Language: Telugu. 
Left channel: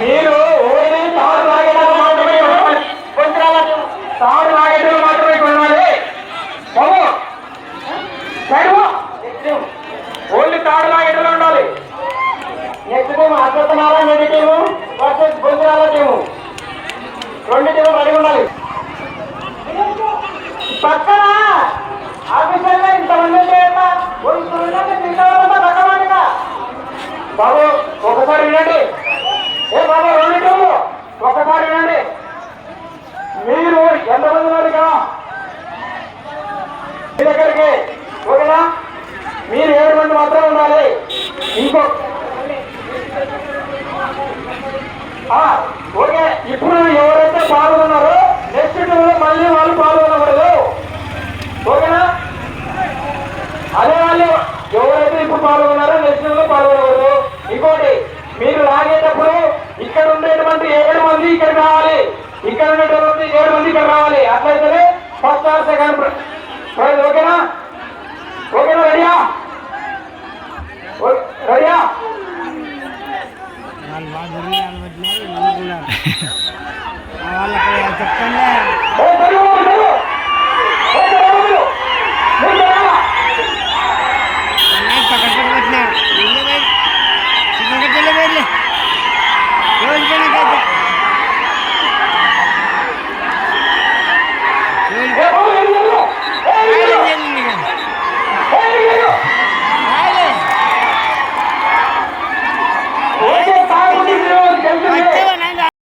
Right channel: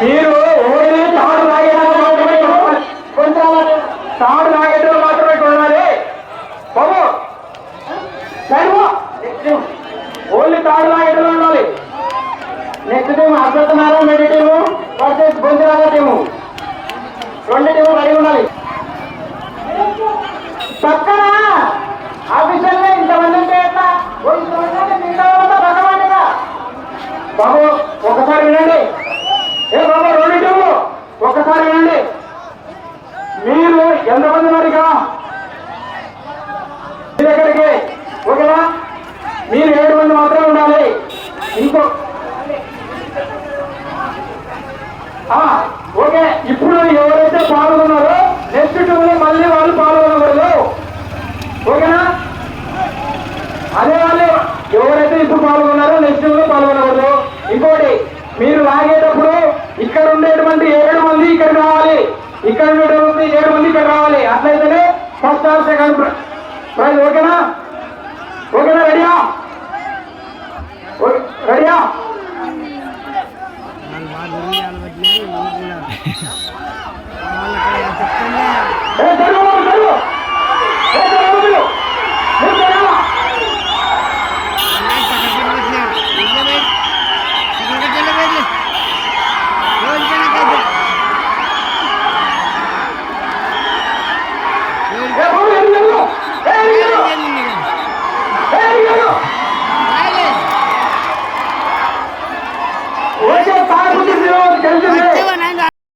మీరు ఓన్లీ తాడు తాగేటప్పుడు మాత్రమే కొంచెం తాడు తాగేటప్పుడు మాత్రమే కొనాలి బాబు. ఓన్లీ తాడు తాగేటప్పుడు ఉండాలి. నెక్స్ట్ టీం అసత్యనారాయణ రెడ్డి టీము వర్సెస్ గొంతురాల టీము. రెండు టీములు రెడీ ఉండాలి. పక్కన ఆఫీసర్లే ఇంతమంది ఉంటే ఎట్లా? బాబు ఒకసారి వినండి. ఏ బాబా రెండు టీములు ఒకసారి వినండి. మీరు ఎంతమంది ఉన్నారు కదా మీ దగ్గరికి? ఓకేనా? మీరు 7 మంది మాత్రం ఉండాలి. ఇంకో ఓకే. ఇప్పుడు ఎవరైతే పాల్గొన్నారో నెక్స్ట్ టీంలో మళ్ళీ వాళ్ళు పాల్గొనకూడదు. ఓకేనా? అదే వాళ్ళు ఎవరైతే ఇప్పుడు పాల్గొన్నారో నెక్స్ట్ టీంలో పాల్గొనకూడదు. ఇంకోటి, మీరు లాగేటప్పుడు ఇక్కడ ఉండేటువంటి 7 మంది ఇక్కడ రావాలి, ఇక్కడ ఉండేటువంటి 7 మంది ఇక్కడ రావాలి. అట్లయితేనే ఫస్ట్ ఆర్ సెకండ్ ప్రైజ్. ఓకేనా? ఓకేనా? రెడీయా?